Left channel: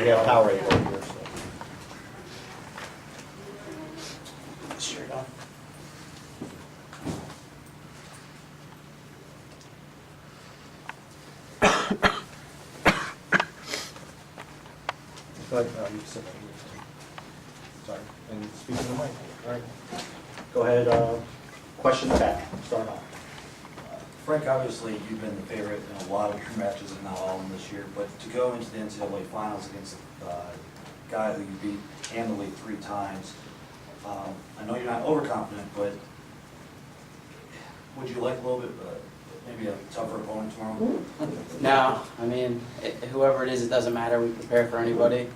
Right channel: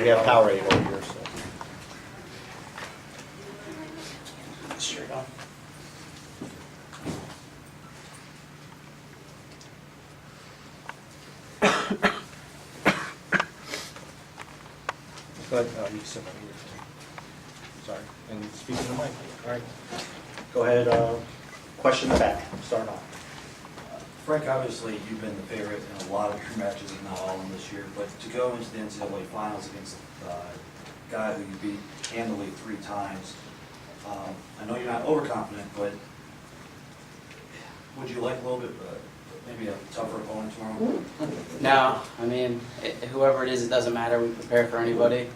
We have Powerade over here, so. Straight on. Go ahead, you can sit right here. Sorry, and speak in the mic. All right. Go ahead, question the back, start off. Frank, obviously, you've been the favorite in a lot of your matches, and not all of them this year, but to go into the NCAA finals against a guy who you beat handily 3 times, I know you're not overconfident, but would you like a little bit, maybe a tougher opponent tomorrow? No, I mean, whoever it is, it doesn't matter. We prepare for anybody.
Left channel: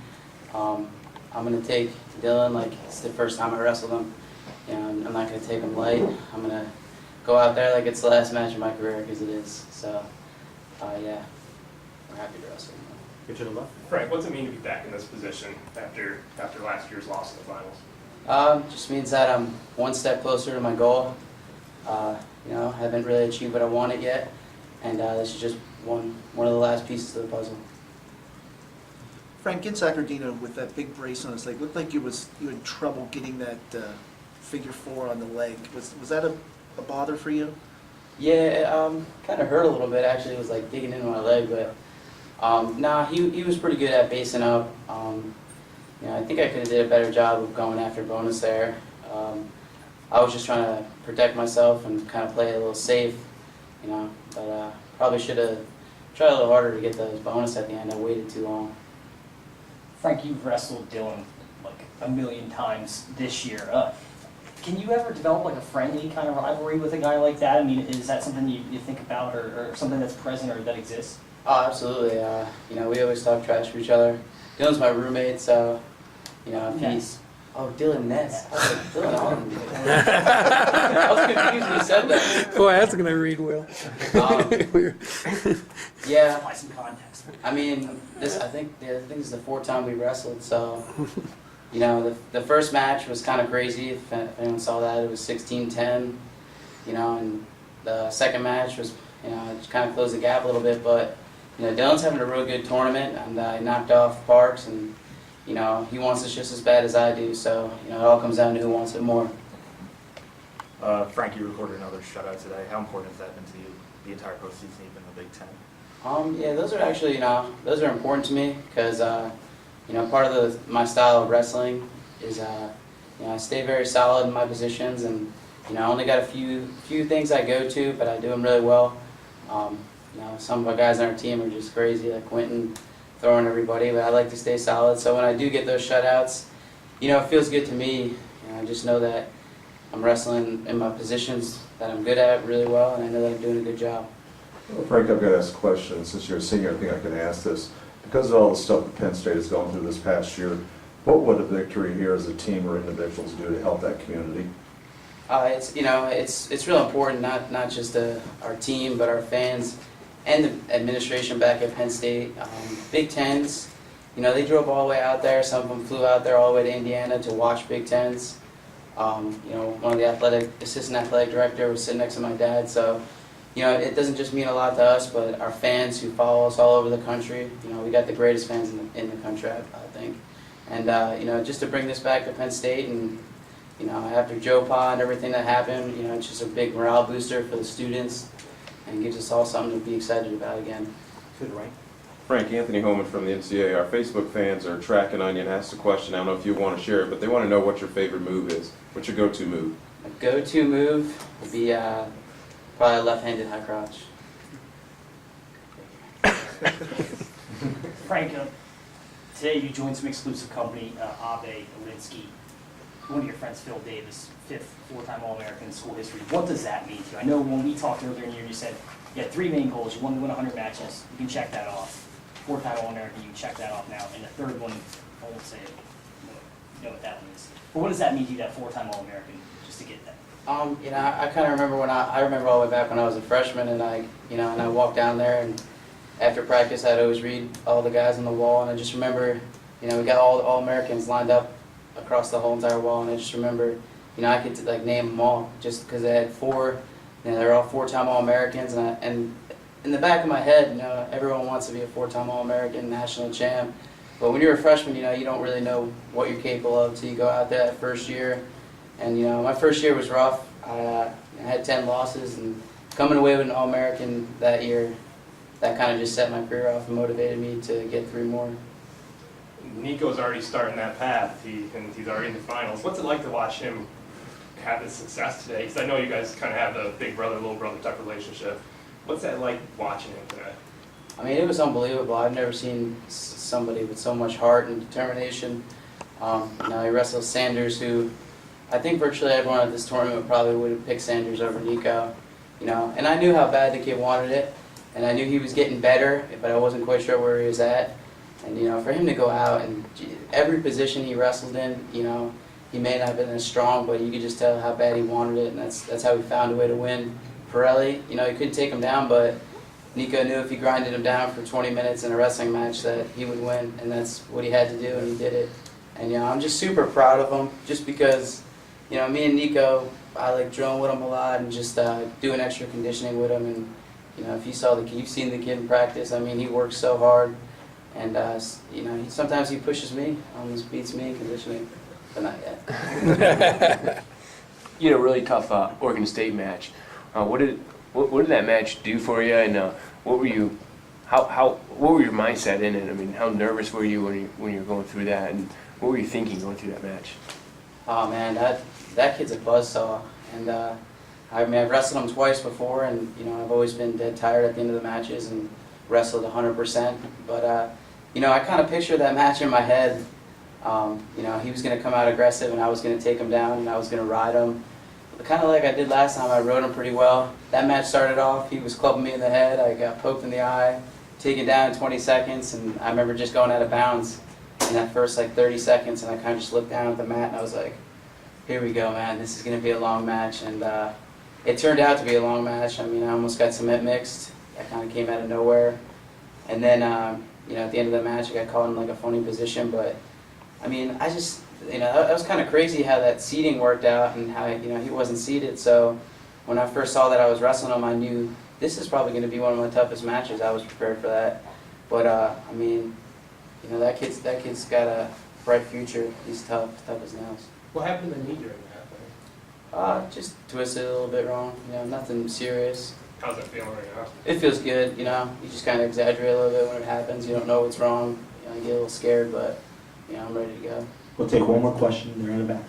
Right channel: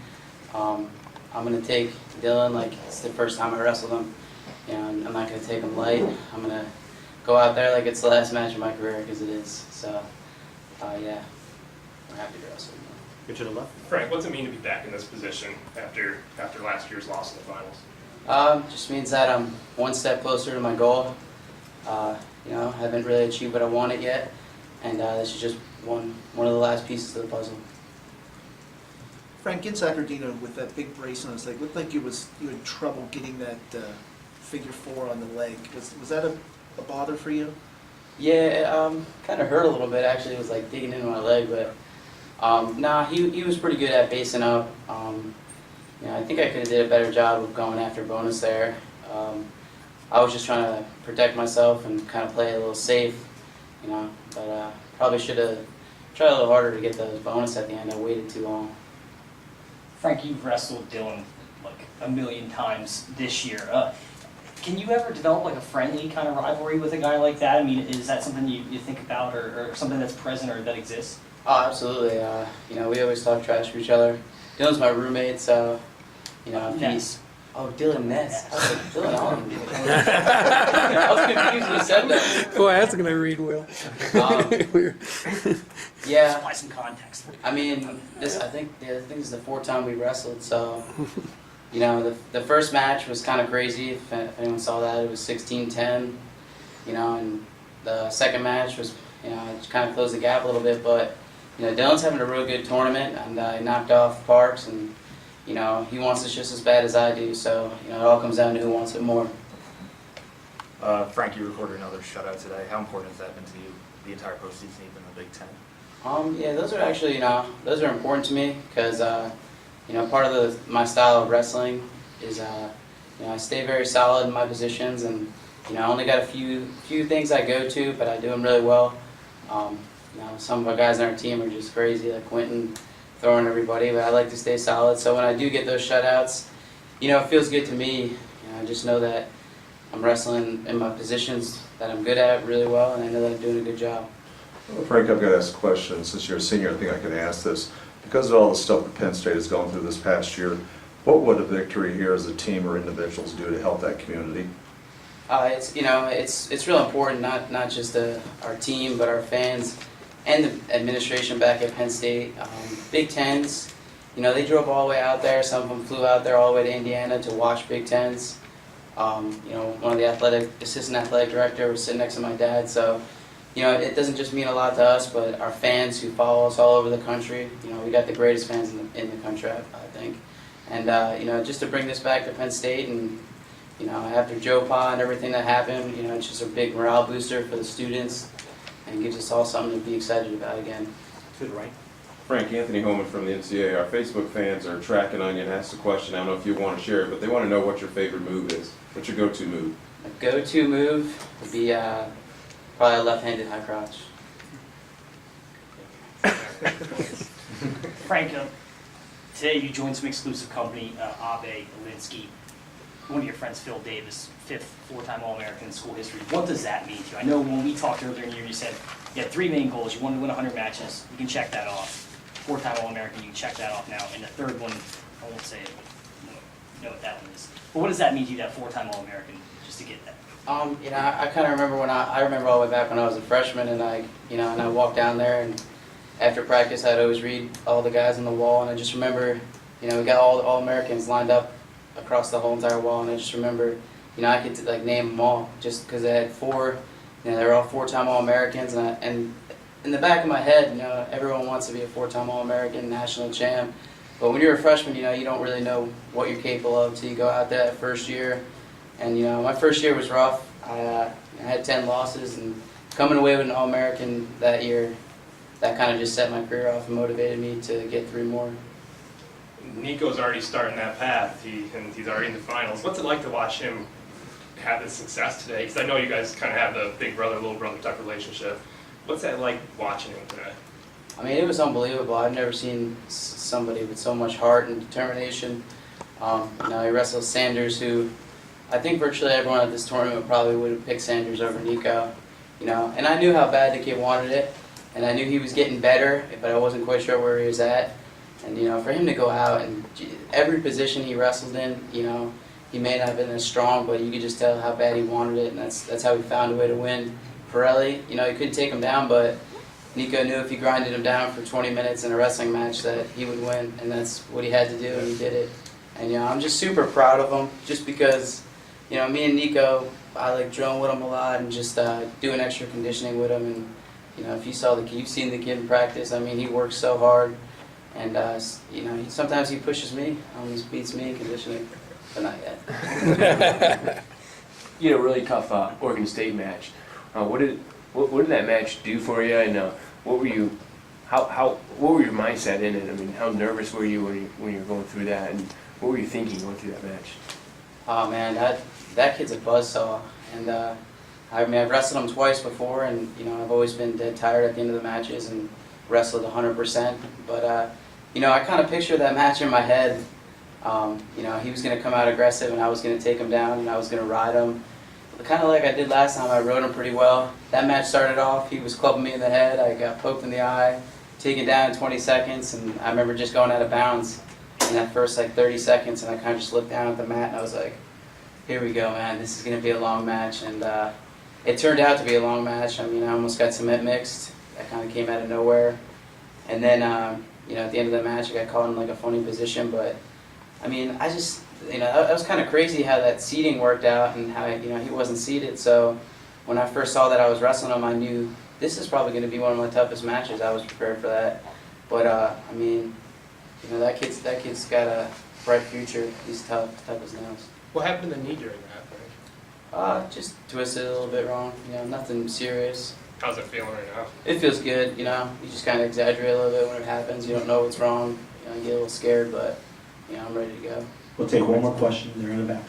I'm going to take Dylan like it's the first time I wrestled him. You know, I'm not going to take him light. I'm going to go out there like it's the last match of my career, because it is. So, yeah, we're happy to wrestle him. Get to the left. Frank, what's it mean to be back in this position after last year's loss in the finals? Just means that I'm one step closer to my goal. You know, haven't really achieved what I wanted yet, and this is just one of the last pieces of the puzzle. Frank, in Sacramento with that big brace on his leg, looked like you had trouble getting that figure 4 on the leg. Was that a bother for you? Yeah, it kind of hurt a little bit. Actually, it was like digging into my leg, but nah, he was pretty good at basing up. You know, I think I could have did a better job of going after bonus there. I was just trying to protect myself and kind of play a little safe, you know, but probably should have tried a little harder to get those bonus at the end. I waited too long. Frank, you've wrestled Dylan like a million times this year. Can you ever develop like a friendly kind of rivalry with a guy like that? I mean, is that something you think about, or something that's present or that exists? Oh, absolutely. You know, we always talk trash to each other. Dylan's my roommate, so, you know, if he's... Oh, Dylan Ness. I was like, Dylan Allen. I was confused when you said that. Boy, that's going to read well. Yeah. Supply some context. I mean, I think this is the 4th time we wrestled, so, you know, the first match was kind of crazy. If anyone saw that, it was 16-10, you know, and the second match was, you know, it kind of closed the gap a little bit, but, you know, Dylan's having a real good tournament, and I knocked off Parks, and, you know, he wants this just as bad as I do, so, you know, it all comes down to who wants it more. Frank, you recorded another shutout today. How important has that been to you, the entire postseason, even the Big Ten? Yeah, those are actually, you know, those are important to me, because, you know, part of my style of wrestling is, you know, I stay very solid in my positions, and, you know, I only got a few things I go to, but I do them really well. You know, some of our guys on our team are just crazy, like Quentin, throwing everybody, but I like to stay solid. So when I do get those shutouts, you know, it feels good to me. You know, I just know that I'm wrestling in my positions that I'm good at really well, and I know that I'm doing a good job. Well, Frank, I've got to ask a question. Since you're a senior, I think I can ask this. Because of all the stuff that Penn State has gone through this past year, what would a victory here as a team or individuals do to help that community? It's, you know, it's real important, not just our team, but our fans and the administration back at Penn State. Big Tens, you know, they drove all the way out there. Some of them flew out there all the way to Indiana to watch Big Tens. You know, one of the assistant athletic director was sitting next to my dad. So, you know, it doesn't just mean a lot to us, but our fans who follow us all over the country. You know, we got the greatest fans in the country, I think. And, you know, just to bring this back to Penn State, and, you know, after Joe Pa and everything that happened, you know, it's just a big morale booster for the students and gives us all something to be excited about again. To the right. Frank, Anthony Holman from the NCAA. Our Facebook fans are tracking on you and asked a question. I don't know if you want to share it, but they want to know what your favorite move is. What's your go-to move? My go-to move would be probably a left-handed high crotch. Frank, today you joined some exclusive company, Abe Alinsky. One of your friends, Phil Davis, 5th four-time All-American in school history. What does that mean to you? I know when we talked earlier in the year, you said you had 3 main goals. You wanted to win 100 matches. You can check that off. 4-time All-American, you can check that off now. And the third one, I won't say it, but you know what that one is. But what does that mean to you, that 4-time All-American, just to get that? You know, I kind of remember when I remember all the way back when I was a freshman, and I walked down there, and after practice I'd always read all the guys on the wall, and I just remember, you know, we got all the All-Americans lined up across the whole entire wall, and I just remember, you know, I could like name them all just because they had 4, you know, they're all 4-time All-Americans, and in the back of my head, you know, everyone wants to be a 4-time All-American, national champ, But when you're a freshman, you know, you don't really know what you're capable of until you go out there that first year. And, you know, my first year was rough. I had 10 losses, and coming away with an All-American that year, that kind of just set my career off and motivated me to get 3 more. Nico's already starting that path, and he's already in the finals. What's it like to watch him have this success today? Because I know you guys kind of have the big brother, little brother type relationship. What's that like watching him today? I mean, it was unbelievable. I've never seen somebody with so much heart and determination. You know, he wrestled Sanders, who I think virtually everyone at this tournament probably would have picked Sanders over Nico. You know, and I knew how bad the kid wanted it, and I knew he was getting better, but I wasn't quite sure where he was at. And you know, for him to go out and every position he wrestled in, you know, he may not have been as strong, but you could just tell how bad he wanted it, and that's how he found a way to win. Pirelli, you know, he couldn't take him down, but Nico knew if he grinded him down for 20 minutes in a wrestling match that he would win, and that's what he had to do, and he did it. And you know, I'm just super proud of him, just because, you know, me and Nico, I like drilling with him a lot and just doing extra conditioning with him. And you know, if you saw the kid, you've seen the kid in practice. I mean, he works so hard, and you know, sometimes he pushes me, almost beats me in conditioning, but not yet. You had a really tough Oregon State match. What did that match do for you, and what were you mindset in it? I mean, how nervous were you when you were going through that, and what were you thinking going through that match? Oh man, that kid's a buzzsaw, and I mean, I've wrestled him twice before, and you know, I've always been dead tired at the end of the matches and wrestled 100%. But you know, I kind of pictured that match in my head. You know, he was going to come out aggressive, and I was going to take him down, and I was going to ride him. Kind of like I did last time, I rode him pretty well. That match started off, he was clubbing me in the head, I got poked in the eye, taken down in 20 seconds, and I remember just going out of bounds in that first like 30 seconds, and I kind of just looked down at the mat, and I was like, here we go, man, this is going to be a long match. And it turned out to be a long match. I mean, I almost got cement mixed. That kind of came out of nowhere. And then, you know, at the end of the match, I got caught in like a funny position, but I mean, I just, you know, that was kind of crazy how that seating worked out and how, you know, he wasn't seated. So when I first saw that I was wrestling him, I knew this is probably going to be one of my toughest matches. I was prepared for that. But I mean, you know, that kid's got a bright future. He's tough as nails. What happened to the knee during that, Frank? Just twisted a little bit wrong. You know, nothing serious. How's it feeling right now? It feels good. You know, you just kind of exaggerate a little bit when it happens. You don't know what's wrong. You know, you get a little scared, but you know, I'm ready to go. We'll take one more question. They're in the back.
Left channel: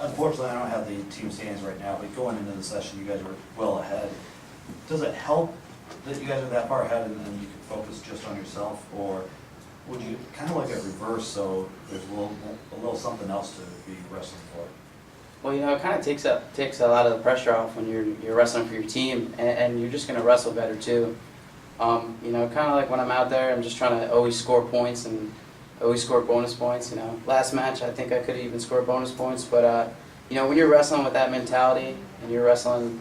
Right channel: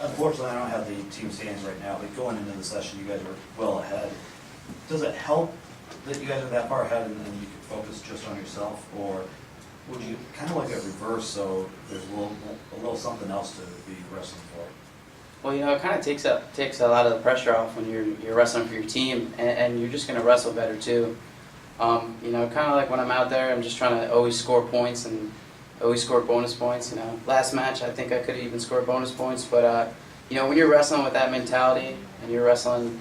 Unfortunately, I don't have the team standings right now, but going into the session, you guys are well ahead. Does it help that you guys are that far ahead and you can focus just on yourself, or would you kind of like a reverse so there's a little something else to be wrestling for? Well, you know, it kind of takes a lot of the pressure off when you're wrestling for your team, and you're just going to wrestle better too. You know, kind of like when I'm out there, I'm just trying to always score points and always score bonus points. You know, last match I think I could have even scored bonus points, but you know, when you're wrestling with that mentality and you're wrestling,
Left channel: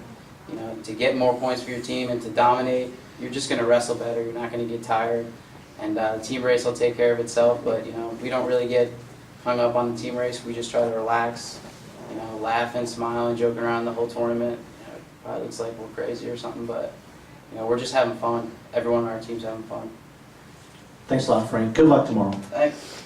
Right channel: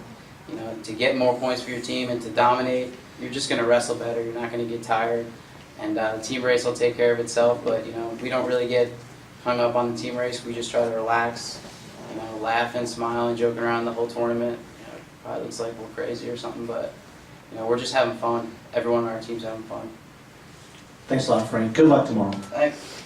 you know, to get more points for your team and to dominate, you're just going to wrestle better. You're not going to get tired, and the team race will take care of itself. But you know, we don't really get hung up on the team race. We just try to relax, you know, laughing, smiling, joking around the whole tournament. You know, it probably looks like we're crazy or something, but you know, we're just having fun. Everyone on our team's having fun. Thanks a lot, Frank. Good luck tomorrow. Thanks.